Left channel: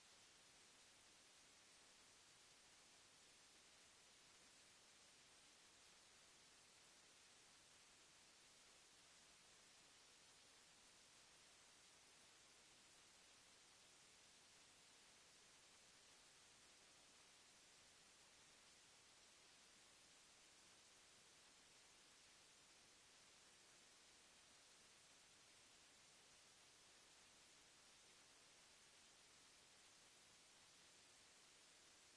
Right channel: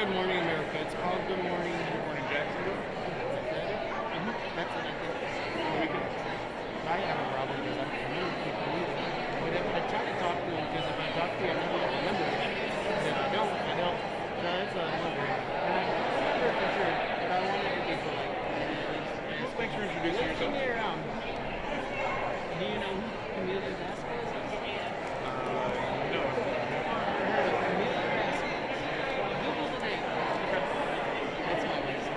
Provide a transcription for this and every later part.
Good Morning America. It's called Good Morning Jacksonville. That's it, I think. We can, I have a problem because I don't remember people either. But if I try to talk to them, because if I talk to you, I know I remember it. And if I don't, I don't. So that's what I'm wondering. And I remember for sure, but I wanted to be polite. Just make sure to introduce yourself. Show me around. Do you know who Camila Vasquez is? No. Camila Vasquez. Google the name. That's my list.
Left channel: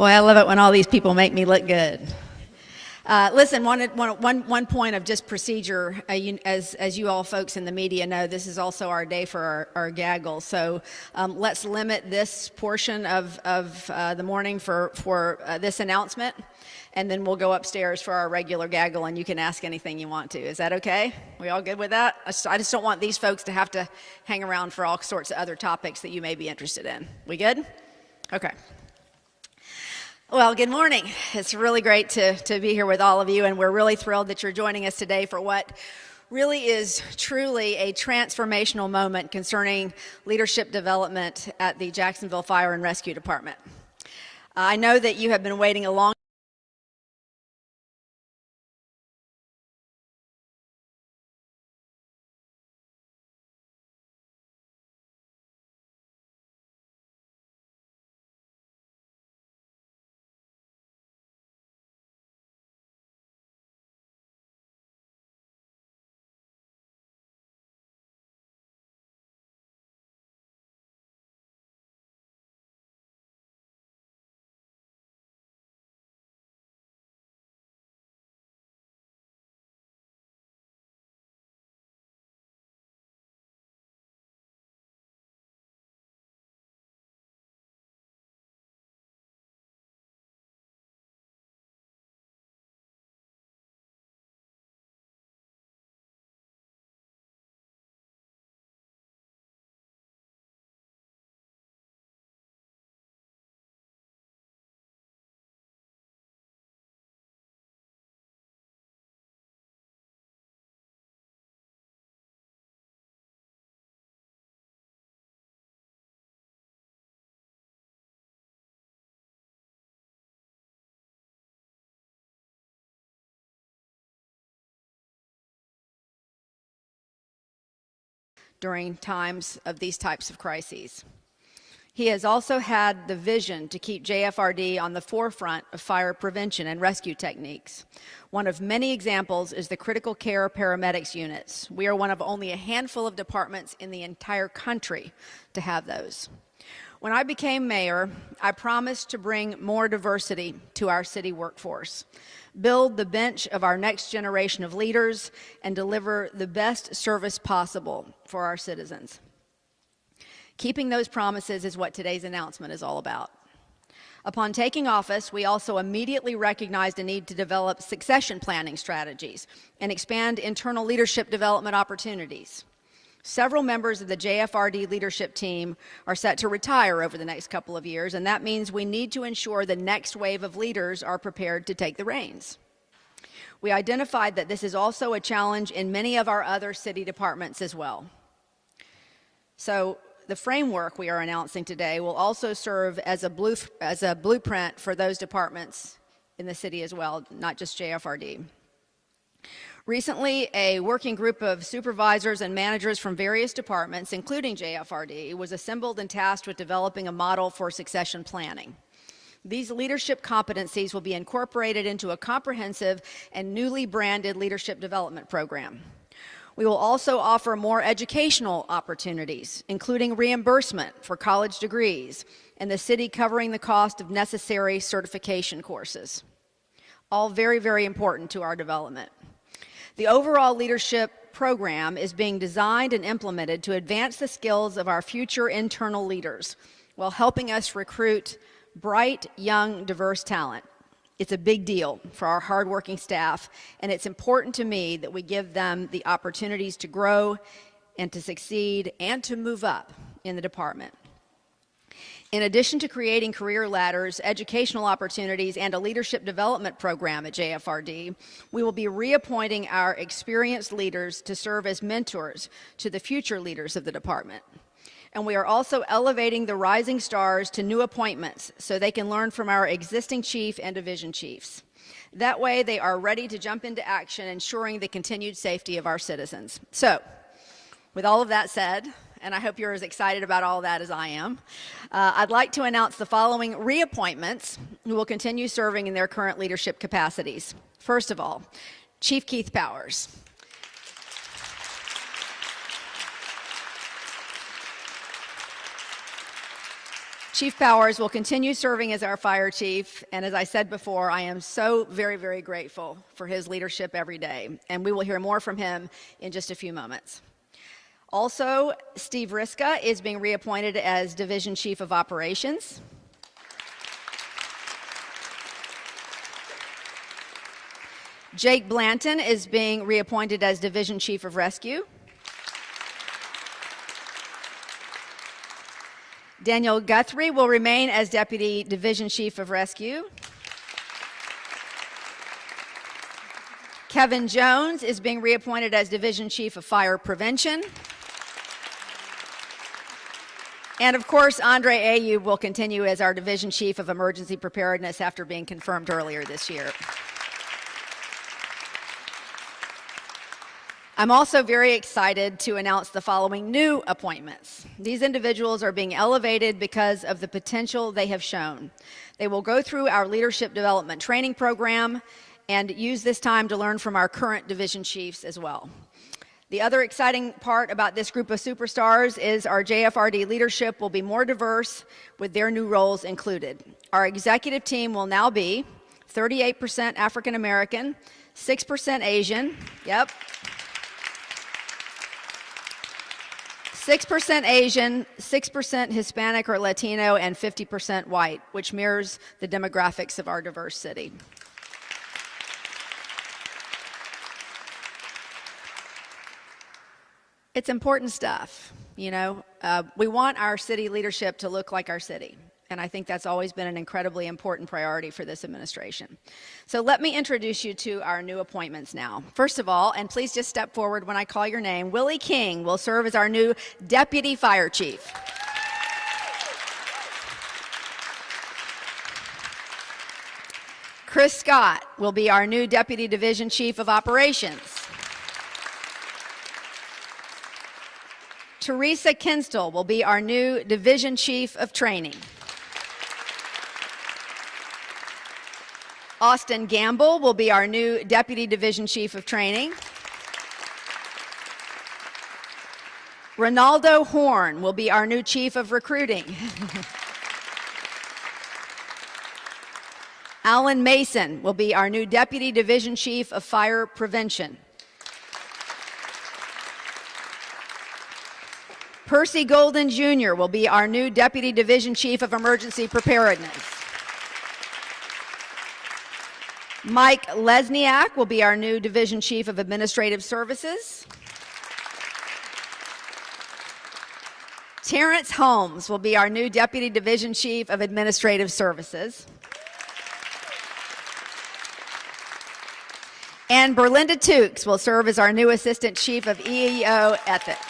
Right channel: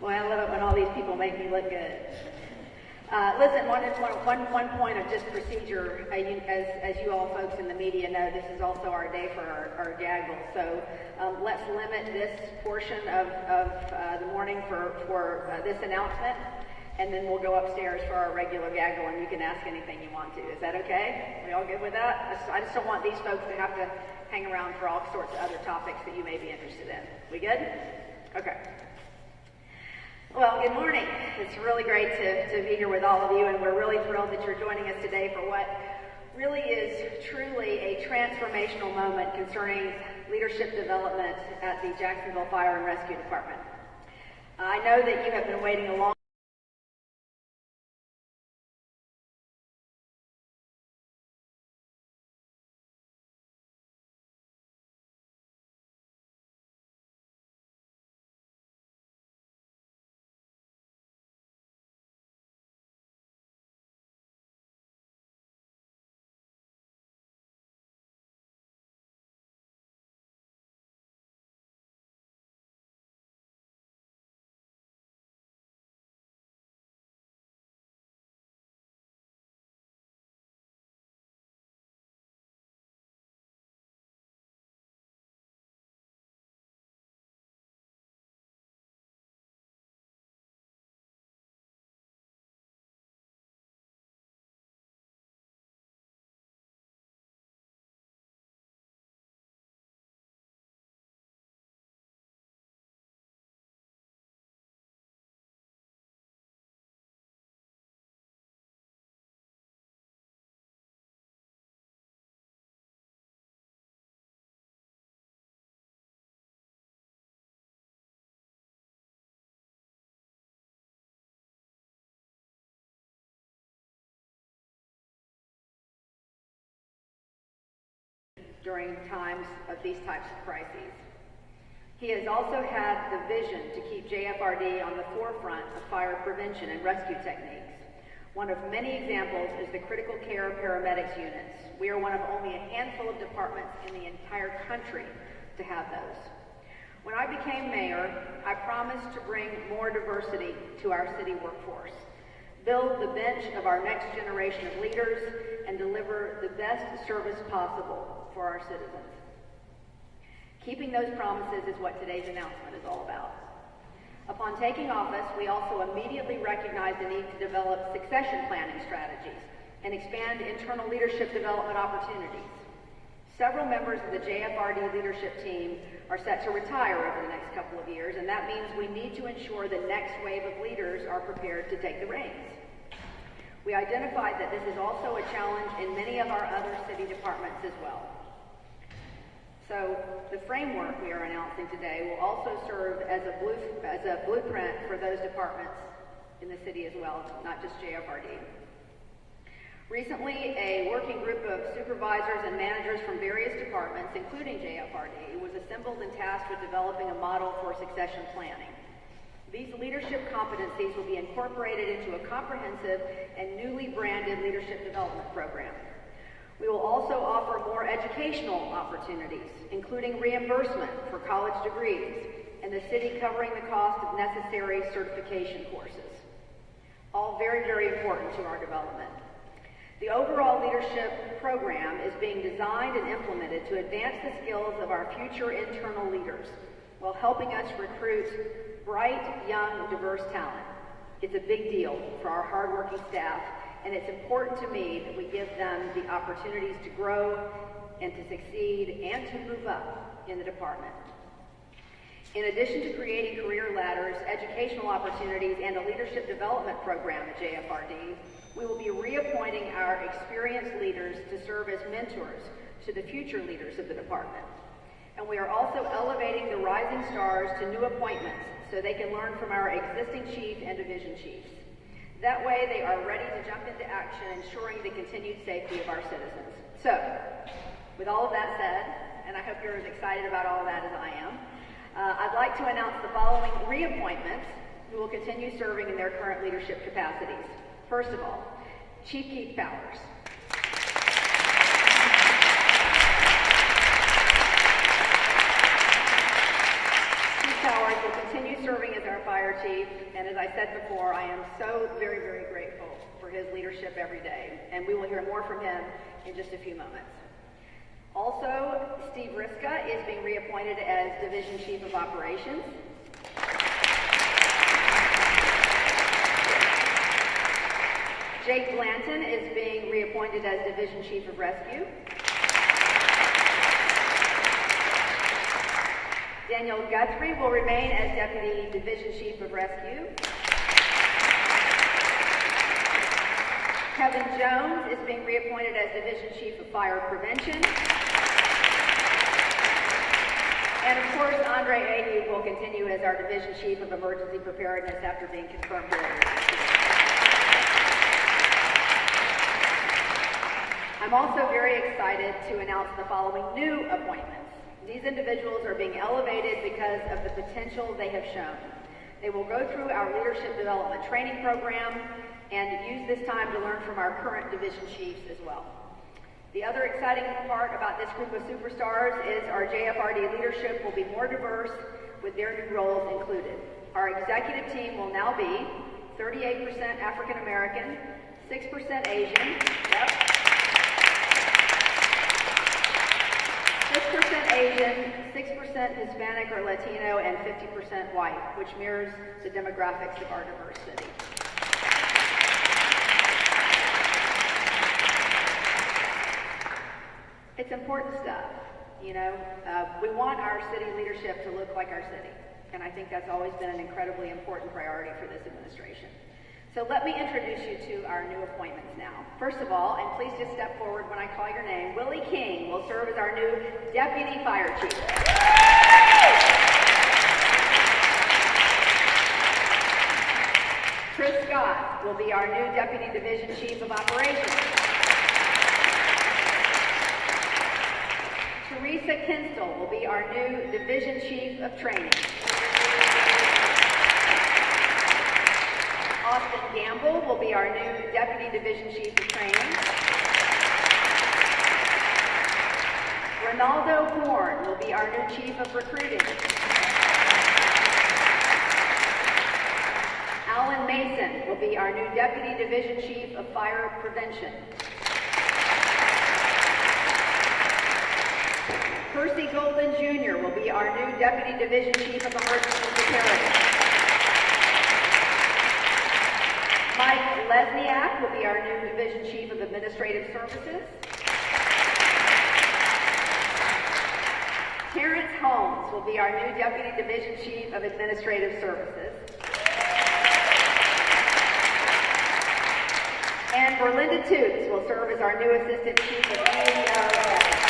Boy, I love it when all these people make me look good. Listen, one point of just procedure, as you all folks in the media know, this is also our day for our gaggle. So let's limit this portion of the morning for this announcement, and then we'll go upstairs for our regular gaggle, and you can ask anything you want to. Is that okay? We all good with that? I just don't want these folks to have to hang around for all sorts of other topics that you may be interested in. We good? Okay. Well, good morning. It's really great to be here with all of you, and we're really thrilled that you're joining us today for what really is truly a transformational moment concerning leadership development at the Jacksonville Fire and Rescue Department. I know that you have been waiting a long during times of these types of crises. He has also had the vision to keep JFRD on the forefront of fire prevention and rescue techniques. One of many examples is the critical care paramedics units. We are one of only a handful of departments in the entire country to have those. When I became mayor, I promised to bring more diversity to our city workforce, build the bench of our next generation of leaders, and deliver the best service possible for our citizens. Keeping those promises is what today's announcement is all about. Upon taking office, we also immediately recognized a need to develop succession planning strategies and expand internal leadership development opportunities. Several members of the JFRD leadership team are set to retire over the next couple of years, and that means we need to ensure the next wave of leaders are prepared to take the reins. We identified that this is also a challenge in many of our other city departments as well. So the framework we are announcing today will also serve as a blueprint for those departments in the city as well, not just JFRD. Recently, a working group of supervisors and managers from various departments, including JFRD, was assembled and tasked with developing a model for succession planning. These leadership competencies will be incorporated into a comprehensive and newly branded leadership development program. We will also offer more educational opportunities, including reimbursement for college degrees and the city covering the cost of necessary certification courses. All very, very important to our development. The overall leadership program is being designed and implemented to advance the skills of our future internal leaders while helping us recruit bright, young, diverse talent. It's a big deal for our hardworking staff, and it's important to me that we give them the opportunities to grow and to succeed and to move up in the department. In addition to creating career ladders, educational opportunities, and a leadership development program at JFRD, we will be reappointing our experienced leaders to serve as mentors to the future leaders of the department. And we are also elevating the rising stars to new appointments so they can learn from our existing chief and division chiefs. That way they are ready to jump into action, ensuring the continued safety of our citizens. So, with all of that said, and I hope you're as excited about all that as I am, I'd like to announce the following reappointments who will continue serving in their current leadership capacities. First of all, Chief Keith Powers. Chief Powers will continue serving as our fire chief, and as I said before, I am so very, very grateful for his leadership every day, and we will hear more from him in just a few moments. Also, Steve Riska is being reappointed as Division Chief of Operations. Jake Blanton is being reappointed as Division Chief of Rescue. Daniel Guthrie will remain as Deputy Division Chief of Rescue. Kevin Jones is being reappointed as Division Chief of Fire Prevention. And of course, Andre Ayub will continue as our Division Chief of Emergency Preparedness after being confirmed earlier this year. I'm also very excited to announce the following new appointments. These individuals are being elevated because of the potential they have shown. They will go through our leadership development training program and use this time to learn from our current division chiefs as well. The other exciting part about this group of superstars is our JFRD leadership will be more diverse with their new roles included. Our executive team will now be 38% African American, 6% Asian, 6% Asian, 6% Hispanic or Latino, and 50% white, which mirrors the demographics of our diverse city. It's important stuff, you know. We want our city leadership to look like our city, and I think that's always been an incredibly important priority for this administration. So let me introduce you to our new appointments now. First of all, and please just step forward when I call your name, Willie King will serve as our new Deputy Fire Chief. Chris Scott will be our new Deputy Division Chief of Operations. Teresa Kinstall will be our new Division Chief of Training. Austin Gamble will be our new Deputy Division Chief of Training. Ronaldo Horn will be our new Chief of Recruiting. Alan Mason will be our new Deputy Division Chief of Fire Prevention. Percy Golden Jr. will be our new Deputy Division Chief of Emergency Preparedness. Mike Lesniak will be our new Division Chief of Administrative Services. Terrence Holmes will be our new Deputy Division Chief of Administrative Services. And Berlinda Tukes will serve as our new Assistant Chief of EEO Ethics.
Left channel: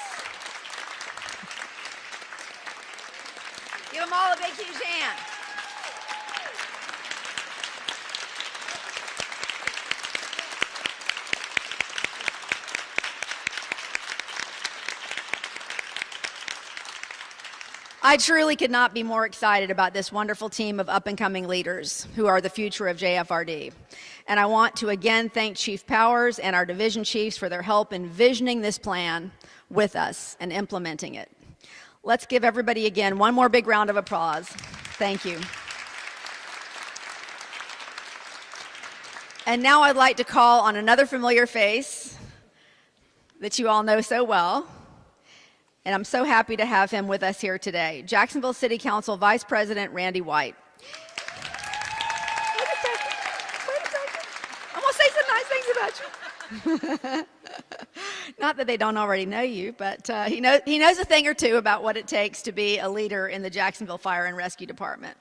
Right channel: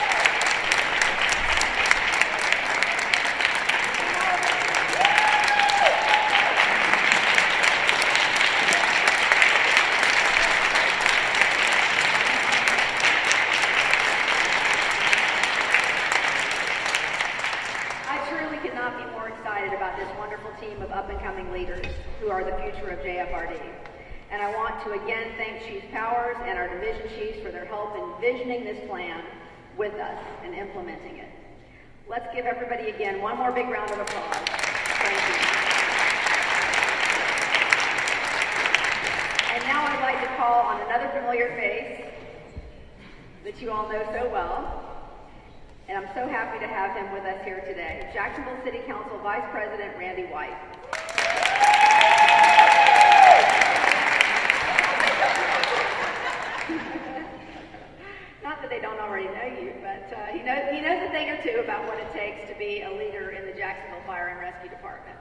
I truly could not be more excited about this wonderful team of up-and-coming leaders who are the future of JFRD. And I want to again thank Chief Powers and our division chiefs for their help in visioning this plan with us and implementing it. Let's give everybody again one more big round of applause. Thank you. And now I'd like to call on another familiar face that you all know so well. And I'm so happy to have him with us here today. Jacksonville City Council Vice President Randy White. Not that they don't already know you, but he knows a thing or two about what it takes to be a leader in the Jacksonville Fire and Rescue Department.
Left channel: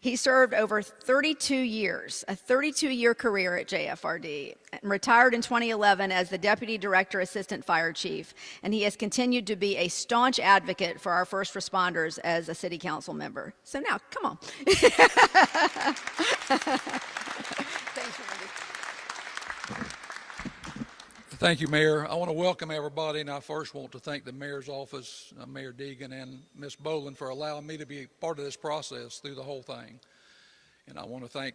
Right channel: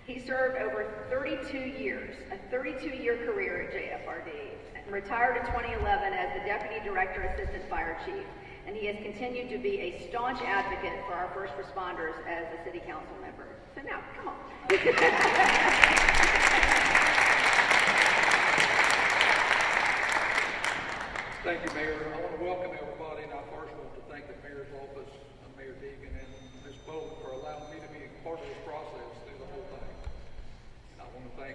He served over 32 years, a 32-year career at JFRD, and retired in 2011 as the Deputy Director Assistant Fire Chief, and he has continued to be a staunch advocate for our first responders as a City Council member. So now, come on. Thank you, Mayor. I want to welcome everybody, and I first want to thank the Mayor's office, Mayor Deegan, and Ms. Boland for allowing me to be part of this process through the whole thing. And I want to thank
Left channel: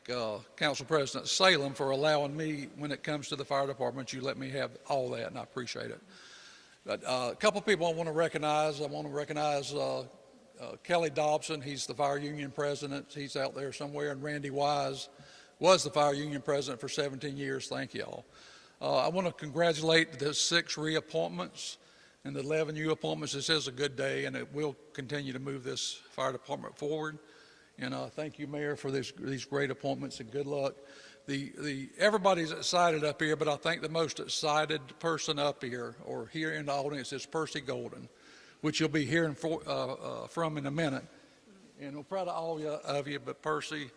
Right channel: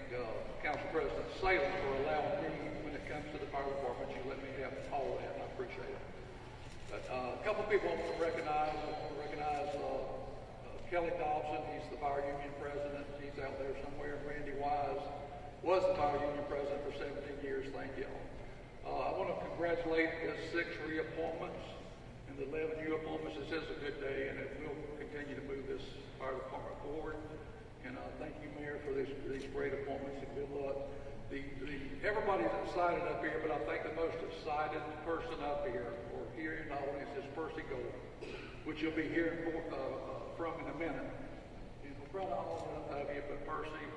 Council President Salem for allowing me, when it comes to the fire department, you let me have all that, and I appreciate it. But a couple of people I want to recognize. I want to recognize Kelly Dobson, he's the fire union president. He's out there somewhere. And Randy Wise was the fire union president for 17 years. Thank y'all. I want to congratulate the 6 reappointments and the 11 new appointments. This is a good day, and it will continue to move this fire department forward. And thank you, Mayor, for these great appointments, and good luck. Everybody's excited up here, but I think the most excited person up here or here in the audience is Percy Golden, which you'll be hearing from in a minute. And we're proud of all of you, but Percy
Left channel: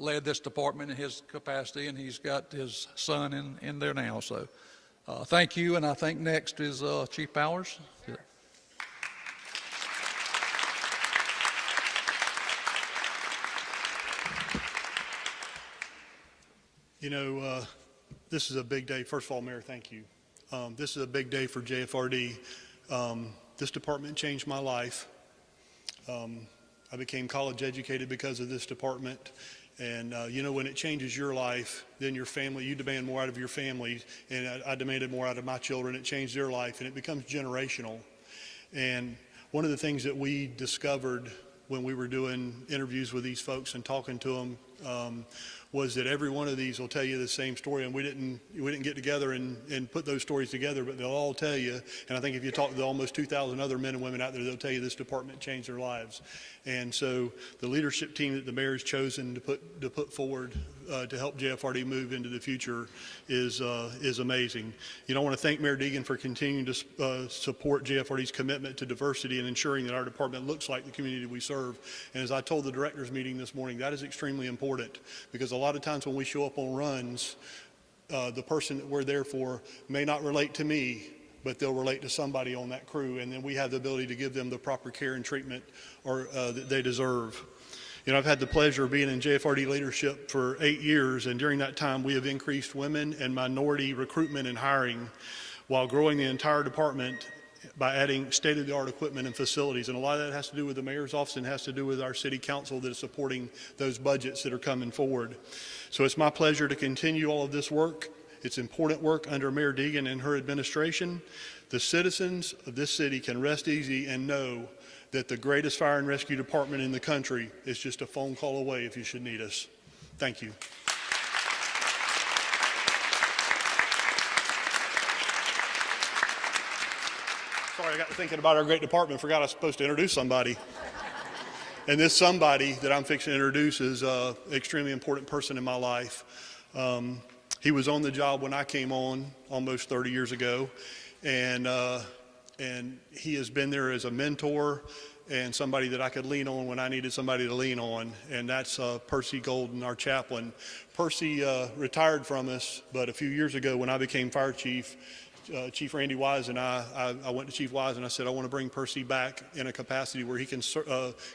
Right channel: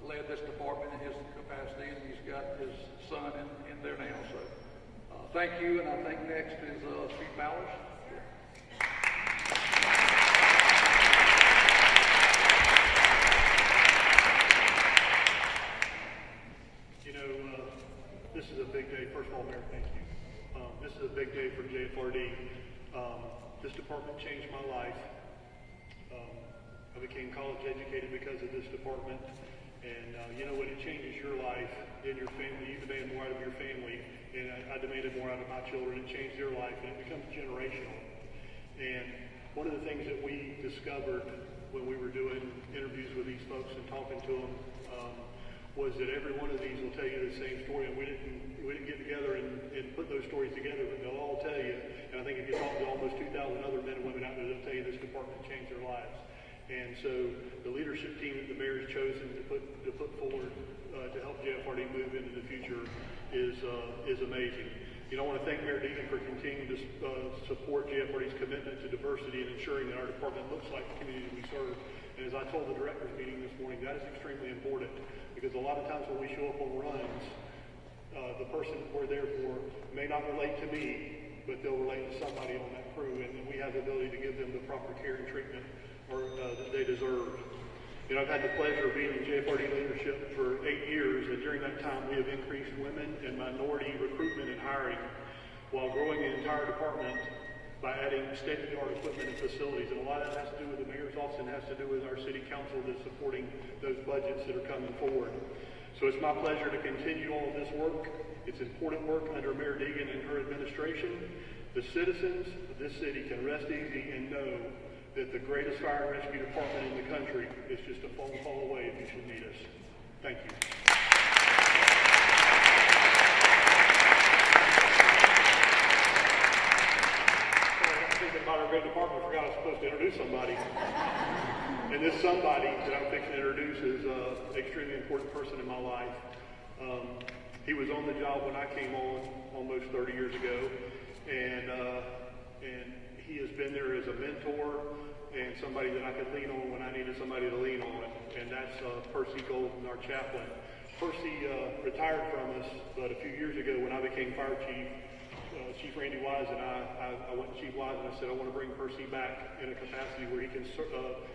led this department in his capacity, and he's got his son in there now. So thank you, and I think next is Chief Powers. You know, this is a big day. First of all, Mayor, thank you. This is a big day for JFRD. This department changed my life. I became college educated because of this department. And you know, when it changes your life, then your family, you demand more out of your family. And I demanded more out of my children. It changed their life, and it becomes generational. And one of the things that we discovered when we were doing interviews with these folks and talking to them was that every one of these will tell you the same story, and we didn't get together and put those stories together, but they'll all tell you. And I think if you talk to the almost 2,000 other men and women out there, they'll tell you this department changed their lives. And so the leadership team that the mayor has chosen to put forward to help JFRD move into the future is amazing. You know, I want to thank Mayor Deegan for continuing to support JFRD's commitment to diversity and ensuring that our department looks like the community we serve. And as I told the directors meeting this morning, that is extremely important, because a lot of times when we show up on runs, the person that we're there for may not relate to me, but they'll relate to somebody on that crew, and then we have the ability to give them the proper care and treatment that they deserve. You know, I've had the pleasure of being in JFRD leadership for 8 years, and during that time we have increased women and minority recruitment and hiring while growing the entire department by adding state-of-the-art equipment and facilities. And a lot of that has to do with the mayor's office and has to do with our city council that is supporting those budgets that are coming forward. So it's my pleasure to continue all of this work. It's important work under Mayor Deegan and her administration. The citizens of this city can rest easy and know that the greatest fire and rescue department in the country is just a phone call away if you should need us. Thank you. Sorry, I got thinking about our great department. Forgot I was supposed to introduce somebody. And this somebody that I'm fixing to introduce is an extremely important person in my life. He was on the job when I came on almost 30 years ago, and he has been there as a mentor and somebody that I could lean on when I needed somebody to lean on, and that's Percy Golden, our chaplain. Percy retired from us, but a few years ago when I became fire chief, Chief Randy Wise and I went to Chief Wise and I said, I want to bring Percy back in a capacity where he can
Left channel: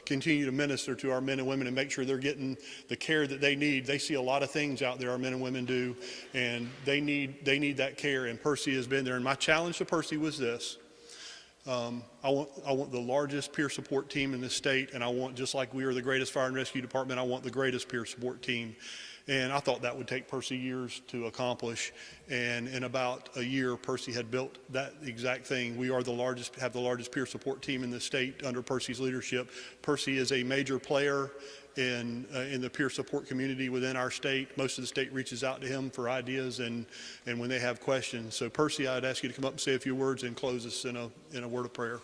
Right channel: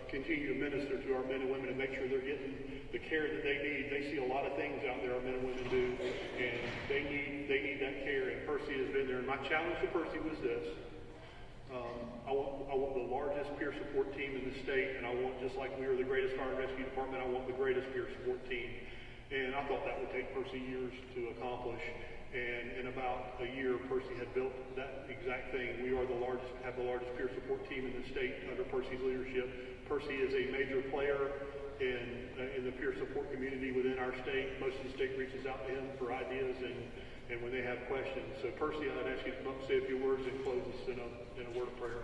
continue to minister to our men and women and make sure they're getting the care that they need. They see a lot of things out there our men and women do, and they need that care, and Percy has been there. And my challenge to Percy was this. I want the largest peer support team in the state, and I want, just like we are the greatest fire and rescue department, I want the greatest peer support team. And I thought that would take Percy years to accomplish. And in about a year, Percy had built that exact thing. We are have the largest peer support team in the state under Percy's leadership. Percy is a major player in the peer support community within our state. Most of the state reaches out to him for ideas and when they have questions. So Percy, I'd ask you to come up and say a few words and close us in a word of prayer.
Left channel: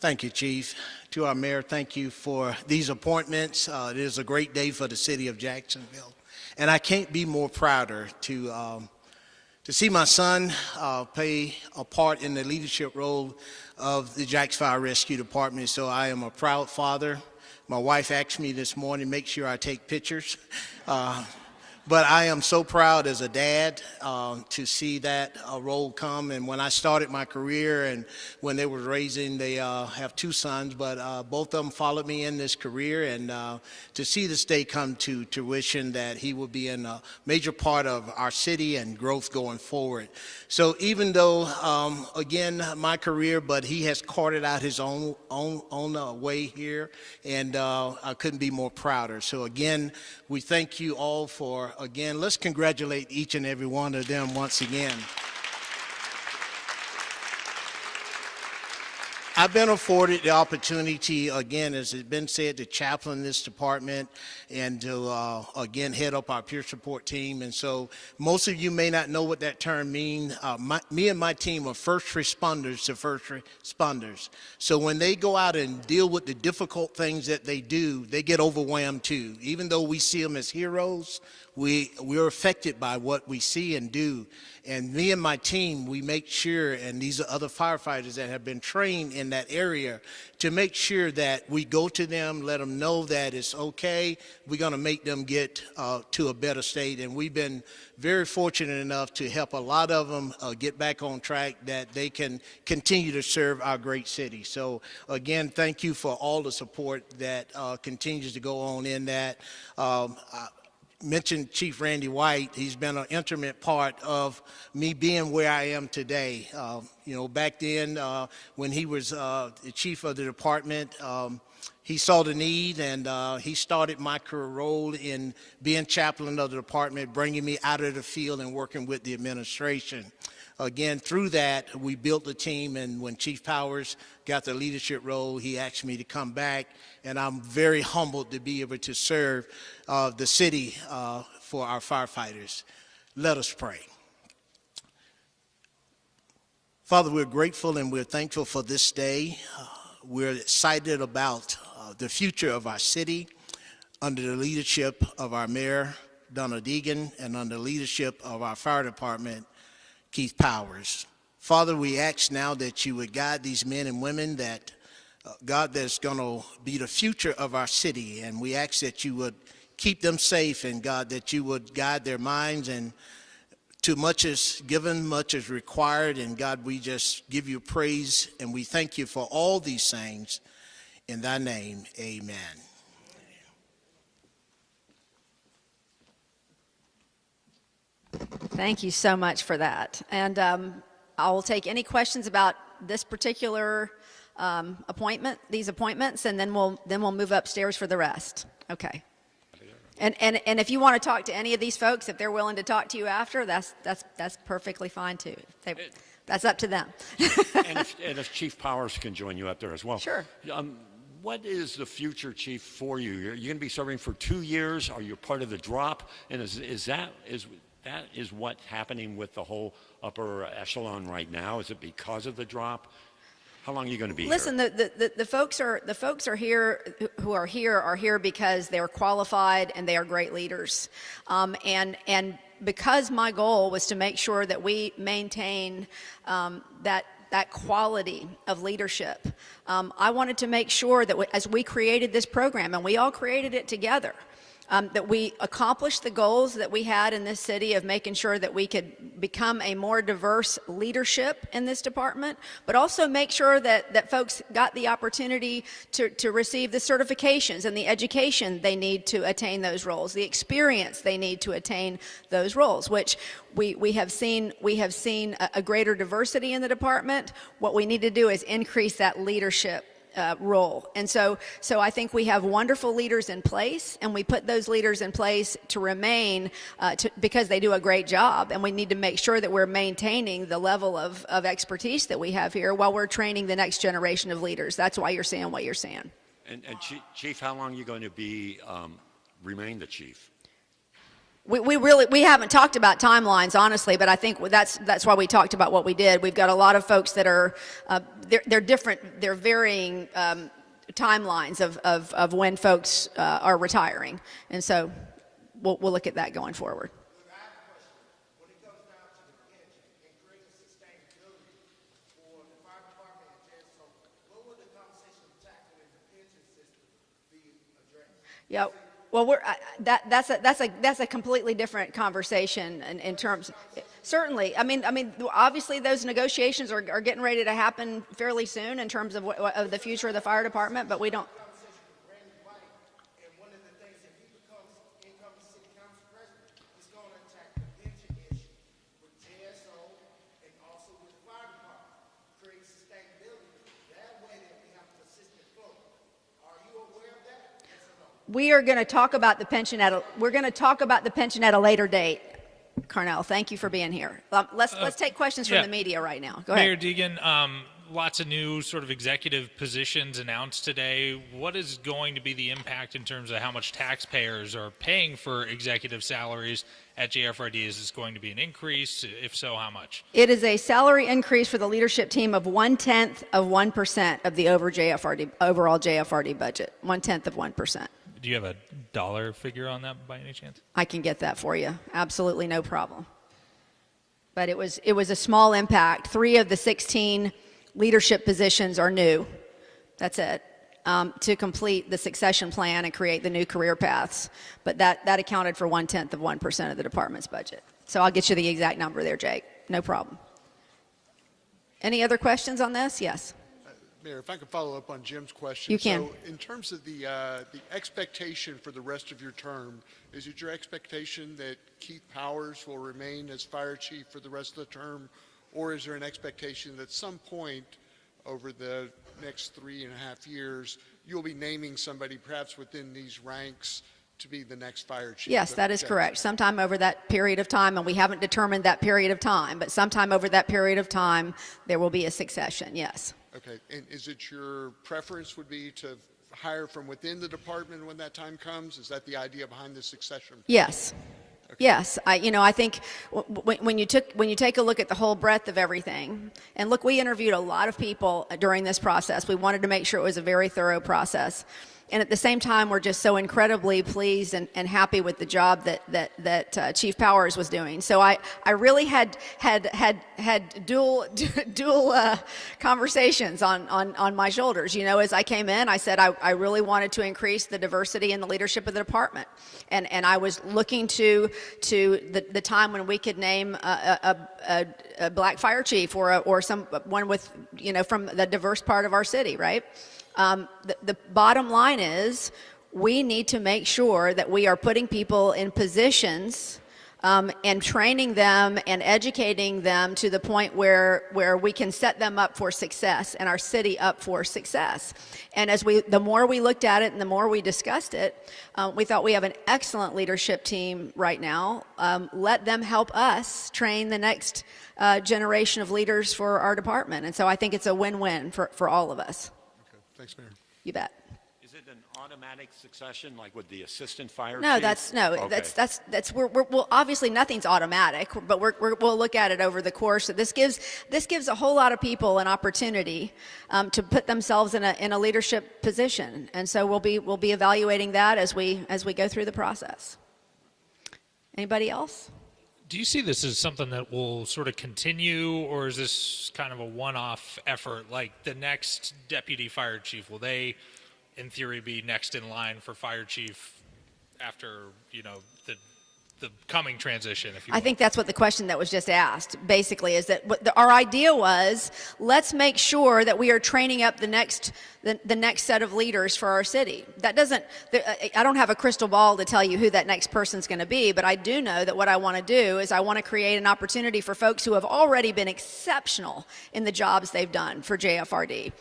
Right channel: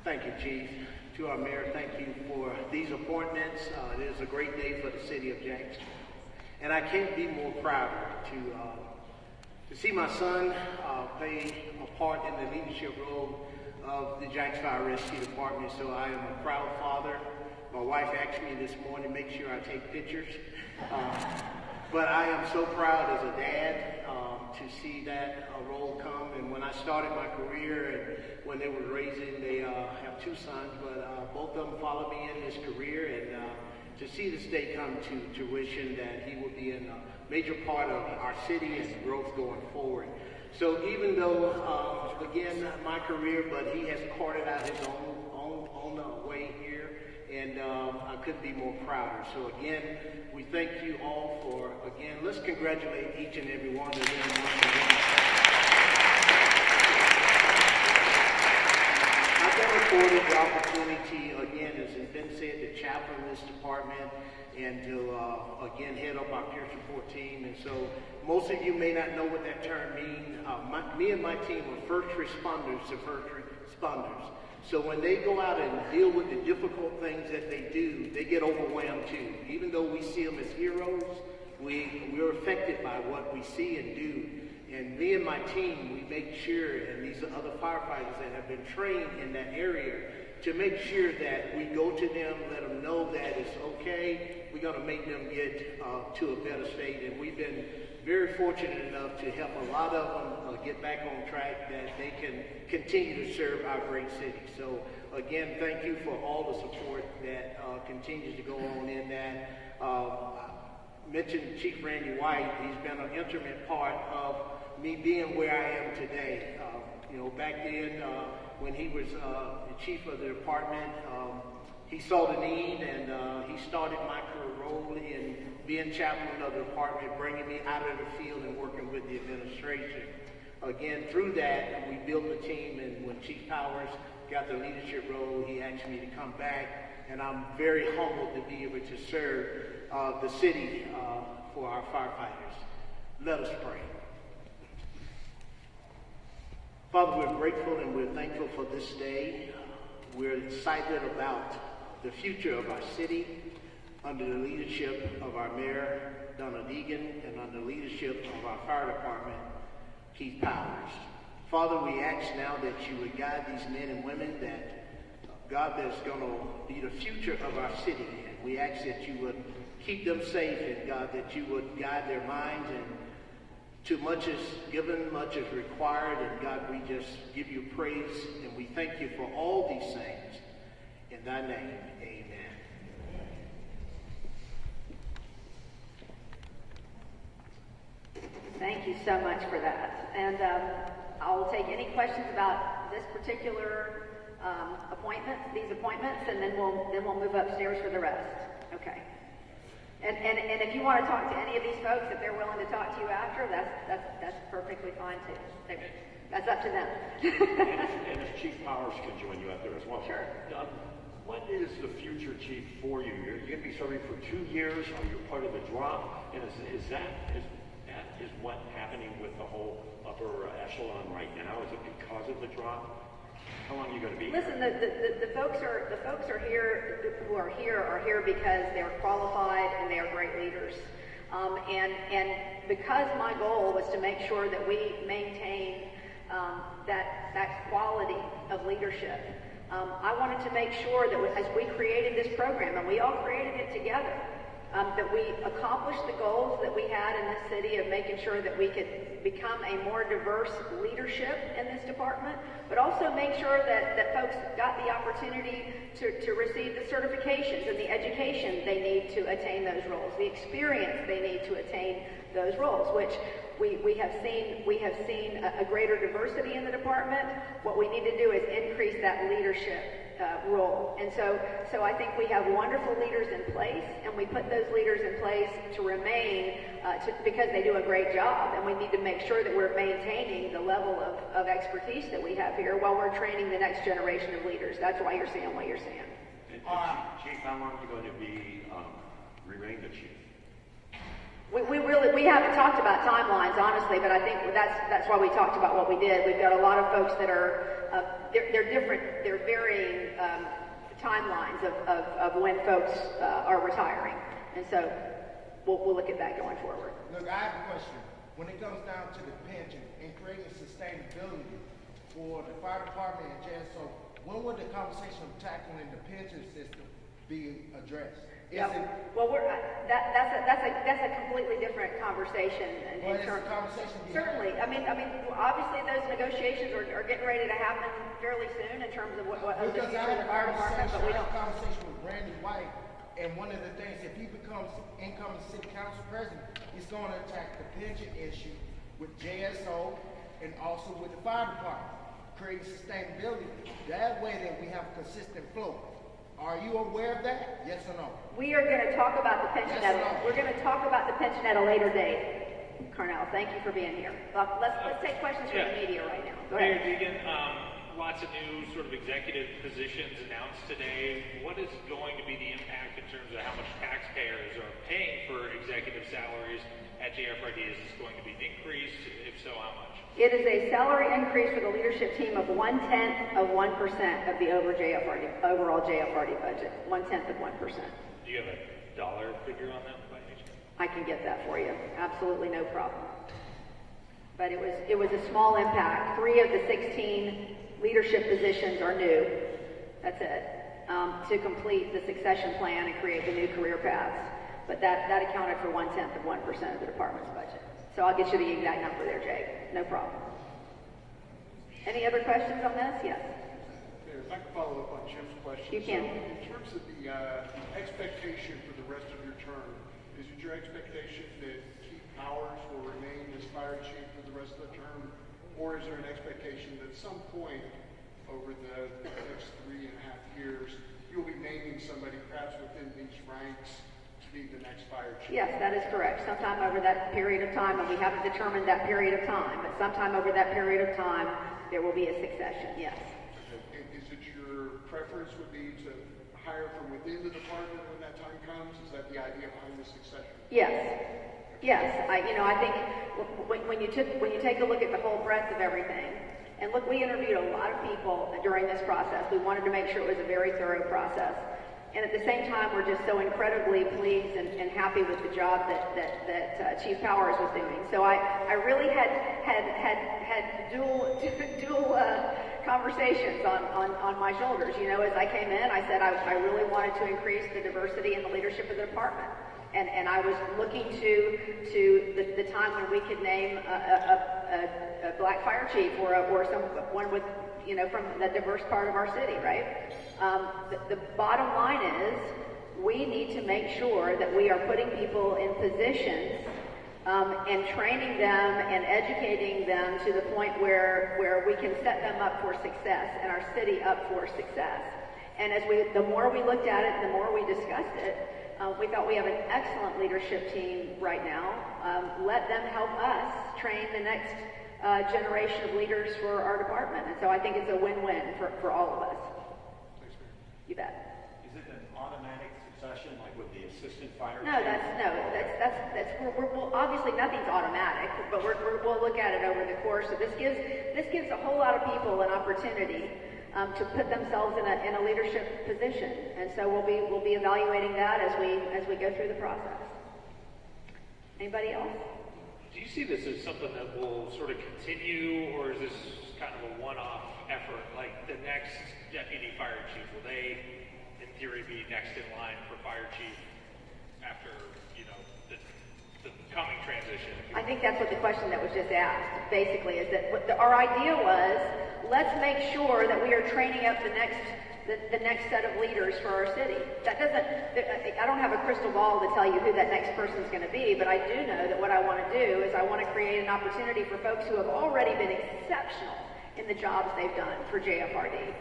Thank you, Chief. To our mayor, thank you for these appointments. It is a great day for the city of Jacksonville. And I can't be more prouder to see my son play a part in the leadership role of the Jacksonville Fire Rescue Department. So I am a proud father. My wife asked me this morning, make sure I take pictures. But I am so proud as a dad to see that role come. And when I started my career and when they were raising, they have 2 sons, but both of them followed me in this career. And to see this day come to fruition, that he will be in a major part of our city and growth going forward. So even though, again, my career, but he has carted out his own way here, and I couldn't be more prouder. So again, we thank you all for again, let's congratulate each and every one of them once again. I've been afforded the opportunity, again, as has been said, to chaplain this department and to, again, head up our peer support team. And so most of you may not know what that term means. Me and my team are first responders to first responders. So when they go out and deal with the difficult things that they do, they get overwhelmed too. Even though we see them as heroes, we're affected by what we see and do. And me and my team, we make sure, and these are other firefighters that have been trained in that area, to make sure that we go to them, let them know that it's okay. We're going to make them get to a better state. And we've been very fortunate enough to help a lot of them get back on track, that they can continue to serve our great city. So again, thank you for all the support that continues to go on in that. Mentioned Chief Randy White. He's been an intimate part of me being where I am today. You know, back then when he was the chief of the department, he saw the need, and he started my career role in being chaplain of the department, bringing me out of the field and working with the administration. Again, through that, we built the team, and when Chief Powers got the leadership role, he asked me to come back, and I'm very humbled to be able to serve the city for our firefighters. Let us pray. Father, we're grateful and we're thankful for this day. We're excited about the future of our city under the leadership of our Mayor, Donna Deegan, and under the leadership of our fire department, Keith Powers. Father, we ask now that you would guide these men and women that, God, that's going to be the future of our city. And we ask that you would keep them safe, and God, that you would guide their minds, and too much is given, much is required. And God, we just give you praise, and we thank you for all these things. In thy name, amen. Thank you so much for that. And I will take any questions about this particular these appointments, and then we'll move upstairs for the rest. Okay. And if you want to talk to any of these folks, if they're willing to talk to you after, that's perfectly fine too. That's up to them. and if Chief Powers can join you up there as well. Sure. What is the future, Chief, for you? You're going to be serving for 2 years. Are you part of the drop? And is that what's happening with the whole upper echelon right now? Is it because of the drop? How long are you going to be Listen, here? the folks are here who are here because they're qualified and they are great leaders, and because my goal was to make sure that we maintain that quality of leadership. I wanted to make sure that as we created this program, and we all created it together, that we accomplished the goals that we had in this city of making sure that we could become a more diverse leadership in this department, but also make sure that folks got the opportunity to receive the certifications and the education they need to attain those roles, the experience they need to attain those roles, which we have seen a greater diversity in the department. What we need to do is increase that leadership role. And so I think we have wonderful leaders in place, and we put those leaders in place to remain because they do a great job, and we need to make sure that we're maintaining the level of expertise that we have here while we're training the next generation of leaders. That's why you're seeing what you're seeing. And Chief, how long are you going to be remain the chief? We haven't talked about timelines, honestly, but I think that's why we talked about what we did. We've got a lot of folks that are they're different, they're varying timelines of when folks are retiring, and so we'll look at that going forward. Look, I have a question. When it comes down to the pension and creating sustainability for the fire department and JSO, when would the conversation of tackling the pension system be addressed? Yeah, well, that's a completely different conversation in terms. Certainly, I mean, obviously those negotiations are getting ready to happen fairly soon in terms of of the future of the fire department, but we don't. Conversation with Randy White, and one of the things, if he becomes incoming city council president, he's going to attack the pension issue with JSO and also with the fire department, creating sustainability. That way, that we have a consistent flow. Are you aware of that? Yes or no? We are going to talk about the pension we're going to talk about the pension at a later date. Carnell, thank you for being here. Let's take questions from the media right now. Go Mayor ahead. Deegan, lots of new sort of executive positions announced today. What is going to be the impact in terms of how much taxpayers are paying for executive salaries at JFRD? Is this going to be an increase? If so, how much? It is a salary increase for the leadership team of 0.1% of the overall JFRD budget. 0.1%. Do you have a dollar figure on that by any chance? I can get that for you. Absolutely no problem. But it was a small impact. 3 of the 16 leadership positions are new. That's it. To complete the succession plan and create the new career paths. But that accounted for 0.1% of the department's budget. So I'll get you the exact number there, Jake. No problem. Any other questions on this? Yes. Mayor, if I could follow up on Jim's question. You can. So in terms of the expectation for the rest of your term, is it your expectation that Keith Powers will remain as fire chief for the rest of the term? Or is there an expectation that at some point over the next 3.5 years, you'll be naming somebody perhaps within these ranks to be the next fire chief? Yes, that is correct. Sometime over that period of time, and we haven't determined that period of time, but sometime over that period of time, there will be a succession, yes. Okay, and is it your preference would be to hire from within the department when that time comes? Is that the idea behind the succession? Yes. Yes, I think when you take a look at the whole breadth of everything, and look, we interviewed a lot of people during this process. We wanted to make sure it was a very thorough process. And at the same time, we're just so incredibly pleased and happy with the job that Chief Powers was doing. So I really had dual conversations on my shoulders. You know, as I came in, I said I really wanted to increase the diversity in the leadership of the department. And I was looking to the time when we could name a black fire chief or someone with, from the diverse part of our city, right? The bottom line is we need to make sure that we are putting people in positions and training them and educating them to the point where we can set them up for success and our city up for success. And the more we looked at it and the more we discussed it, we thought we have an excellent leadership team right now. Let them help us train the next generation of leaders for our department. And so I think it's a win-win for all of us. Thanks, Mayor. You bet. Is it an automatic succession, like with the assistant fire No, chief? that's well, obviously nothing's automatic, but we'll look at it over the course. This gives a whole lot of people an opportunity to put themselves in a leadership position, and so we'll be evaluating that as we go through the process. Anybody else? Do you see this as something that will sort of continue, or is this kind of a one-off effort? Like the next deputy fire chief, will they, in theory, be next in line for fire chief after, the coming transition? If you I think that's what the question that was just asked, basically, is that our idea was, let's make sure that we are training up the next set of leaders for our city. I don't have a crystal ball to tell you who that next person's going to be, but I do know that what I want to do is I want to create an opportunity for folks who have already been exceptional in the jobs they've done for JFRD,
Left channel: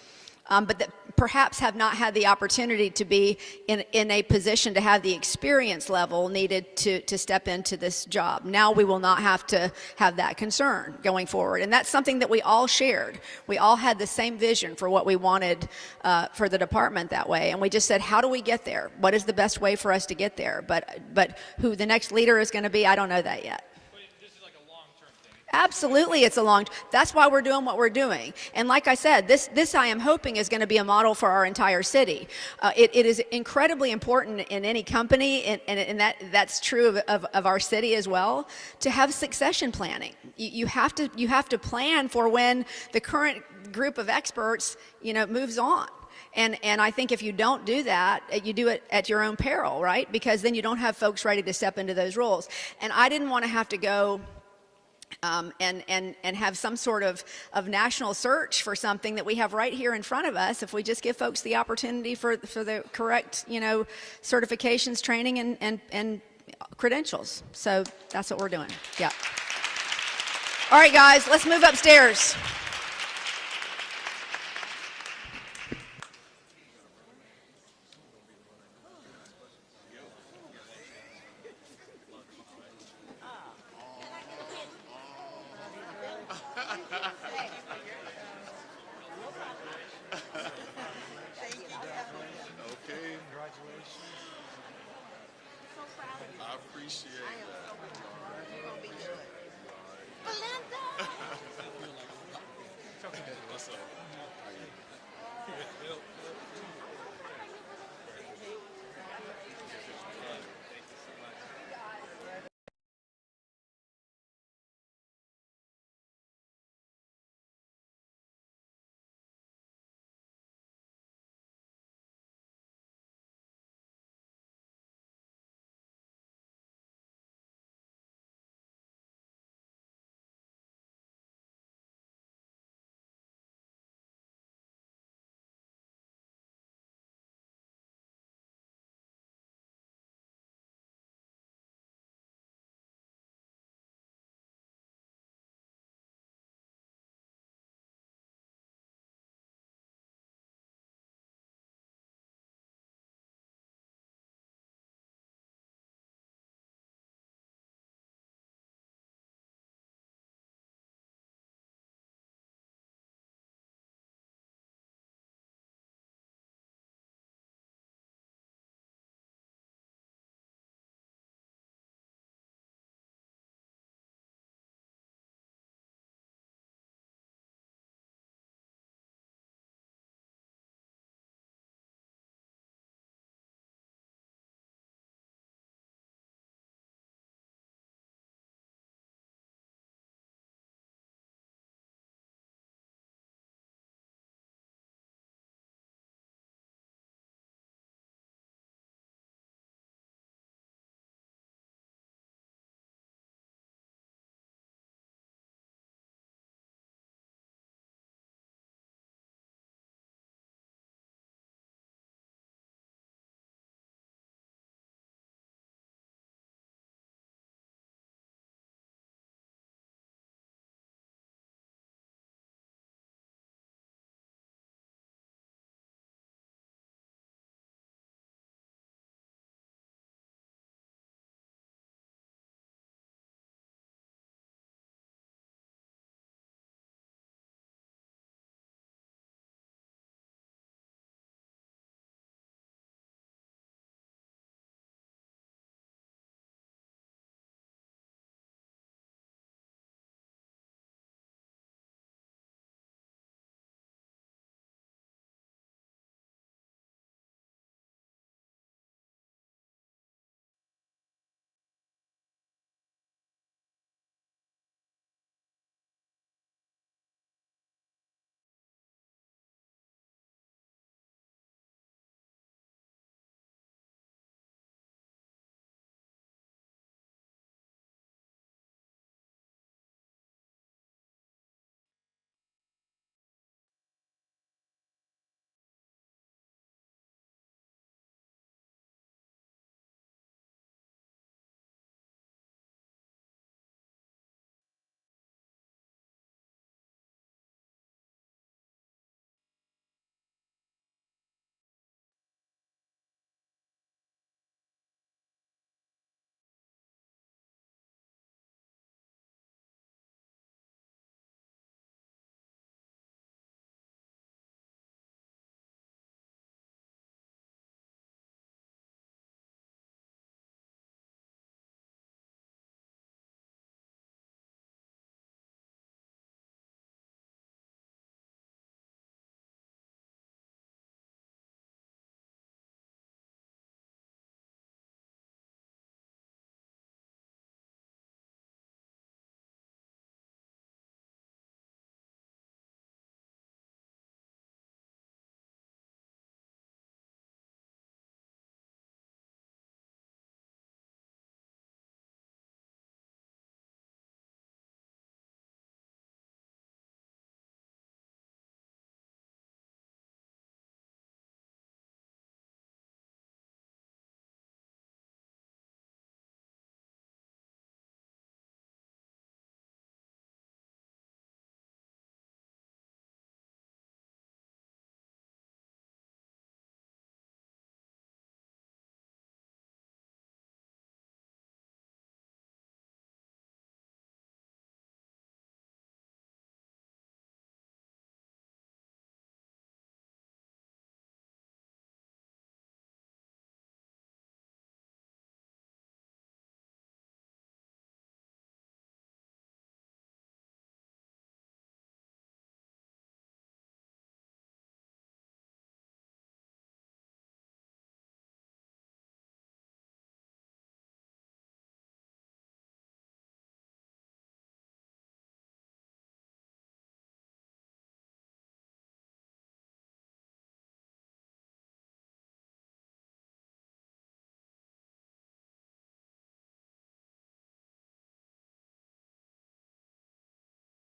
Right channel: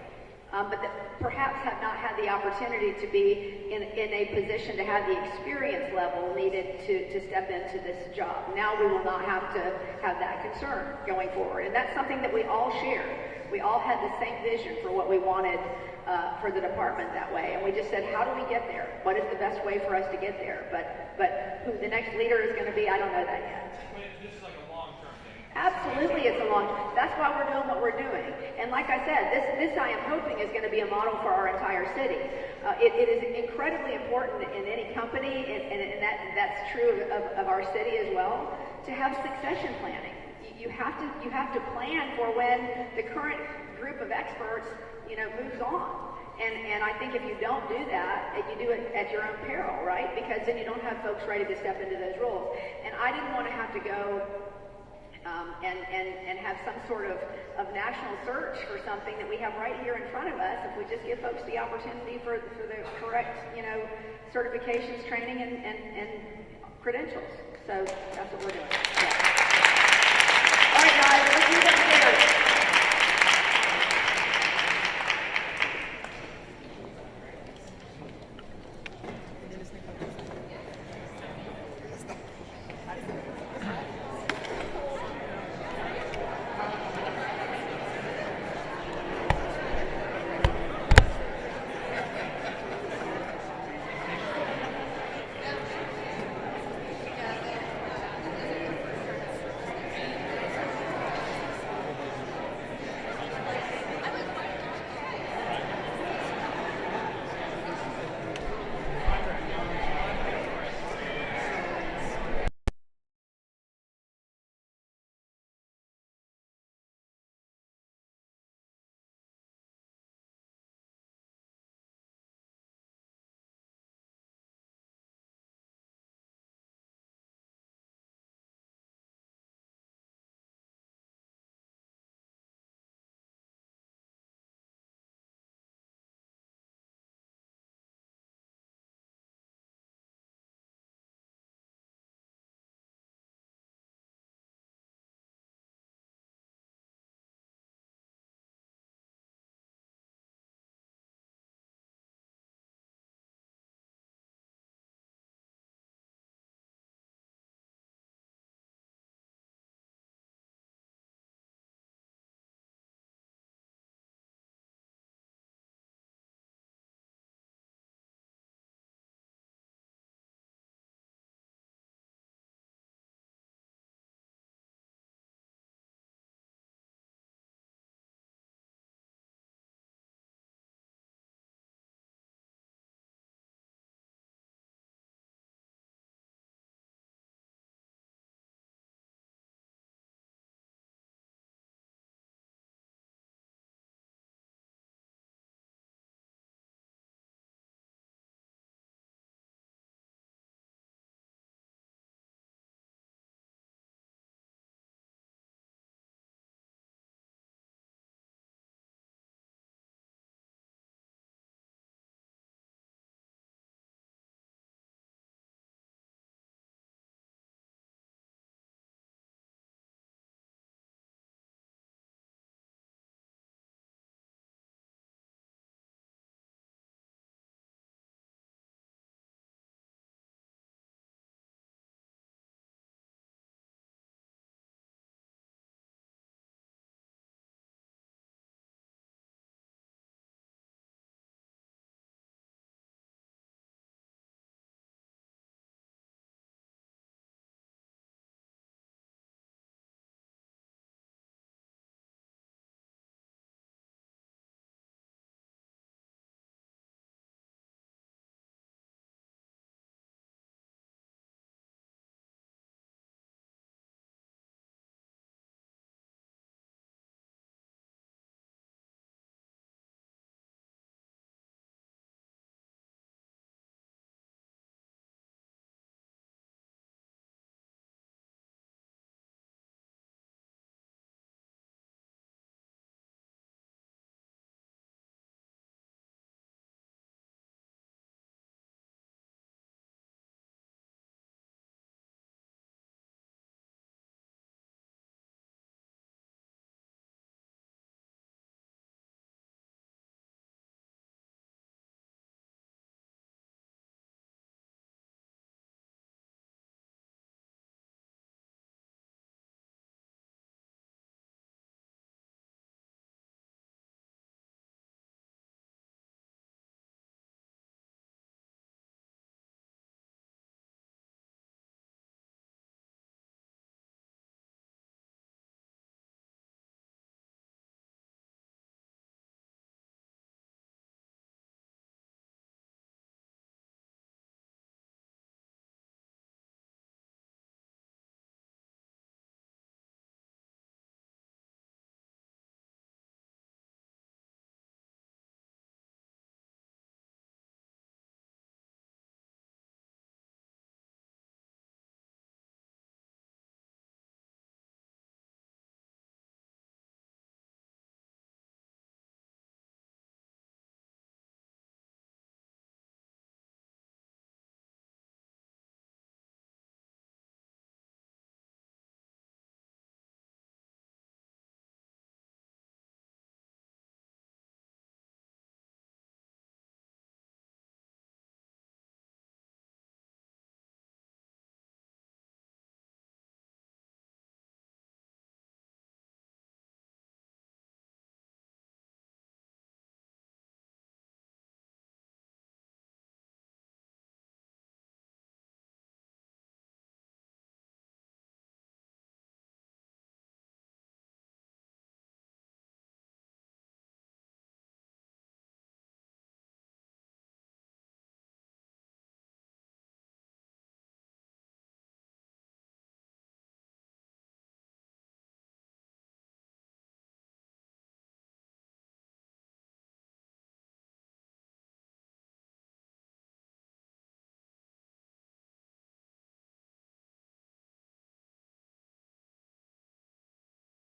but that perhaps have not had the opportunity to be in a position to have the experience level needed to step into this job. Now we will not have to have that concern going forward. And that's something that we all shared. We all had the same vision for what we wanted for the department that way. And we just said, how do we get there? What is the best way for us to get there? But who the next leader is going to be, I don't know that yet. Absolutely, it's that's why we're doing what we're doing. And like I said, this I am hoping is going to be a model for our entire city. It is incredibly important in any company, and that's true of our city as well, to have succession planning. You have to plan for when the current group of experts, moves on. And I think if you don't do that, you do it at your own peril, right? Because then you don't have folks ready to step into those roles. And I didn't want to have to go and have some sort of national search for something that we have right here in front of us if we just give folks the opportunity for the correct, certifications, training, and credentials. So that's what we're doing. Yeah. All right, guys, let's move upstairs.